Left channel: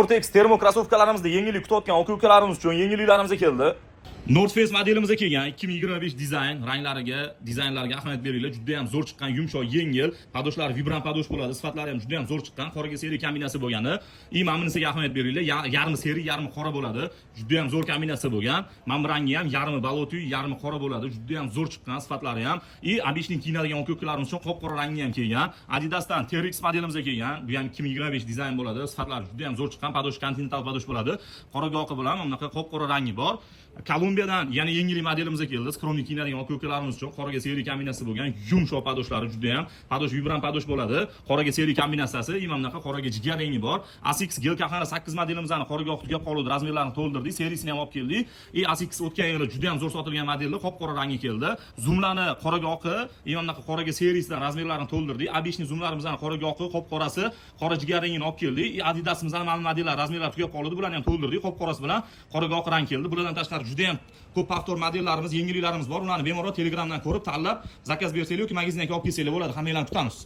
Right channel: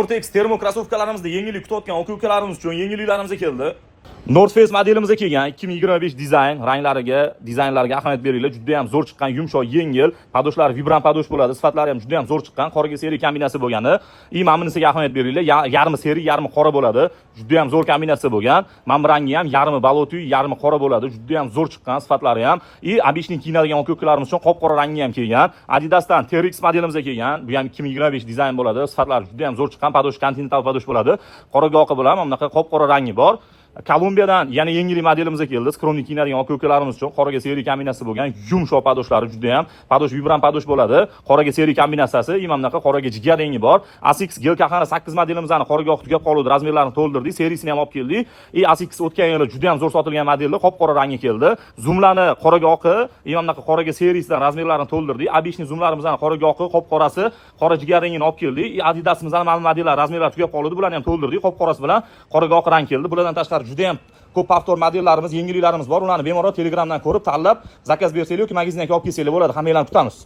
Gore-Tex termo krossovkalarimizda yengillik kutayotgan aka-ukalarimiz uchun yengilliklarimiz keldi. North Face modelimizga kelgan 2025 dizaynlarga ahamiyat beringlar. Juda ham zo'r chiqqan, yumshoq, yengil, padoshlari vibrant padosh bo'ladi. Sifatlari ham juda ham zo'r chiqqan. Qoraga seri kombinatsiya bo'lgani. Mana bunisiga ahamiyat beringlar. Yarmi seri, yarmi qora bo'ladi. Juda ham zo'r kombinatsiya bo'lgan. Mana bu rangi ham yarmi balotiy, yarmi qora bo'ladi. Juda ham zo'r chiqqan, sifatlari ham. Обычный kiyinadigan aka-ukalarimiz uchun qop-qora rangi ham kelgan. Adidasdan TRX modelimizga kelgan. Bu ham 2025 dizayn bo'ladi. Sifatlari juda ham zo'r chiqqan. Padosh kontinental padosh bo'ladi. Qoraga oqi bilan mana bunaqa qop-qora rangi bor. Kolumbiyadan yana yengillik modelimizga keldi. Skromnik kiyinadigan aka-ukalarimiz uchun qoraga seri kombinatsiya bo'lgan, yumshoq padoshlari juda ham, padosh vibrant padosh bo'ladi. Qoraga seri kombinatsiyasi, mana bunaqa qoraga jigar rengi bor. ASICS Gelkahana 8 modelimizni qoraga oq tugab qoldi, razmerlarini to'ldirdik, serisini ham olib keldik. ASICS o'tgan yili juda ham zo'r sotilgan modellar qop-qora rangi keldi. Zoomlarni qoraga oqi, mana bunaqa qoraga serisidan razmerlarini to'ldirdik. Обычный zoomlarimizni qoraga oqi, qop-qorasi, qora jigar rengini olib keldik. Adidasimizni mana modellar razmerlari tugab qoldi, bularni ham to'ldirdik. Qop-qorasi bilan qoraga oq rang keldi. Bulardan tashqari juda ham ko'p avtor modellarimiz, yengilliklarimiz bor. Ularni bemalol Telegramdan ko'rib, tanlab, zakaz bersanglar yoki magazinga olib kelsanglar bo'ladi. Hammanglarni kutamiz.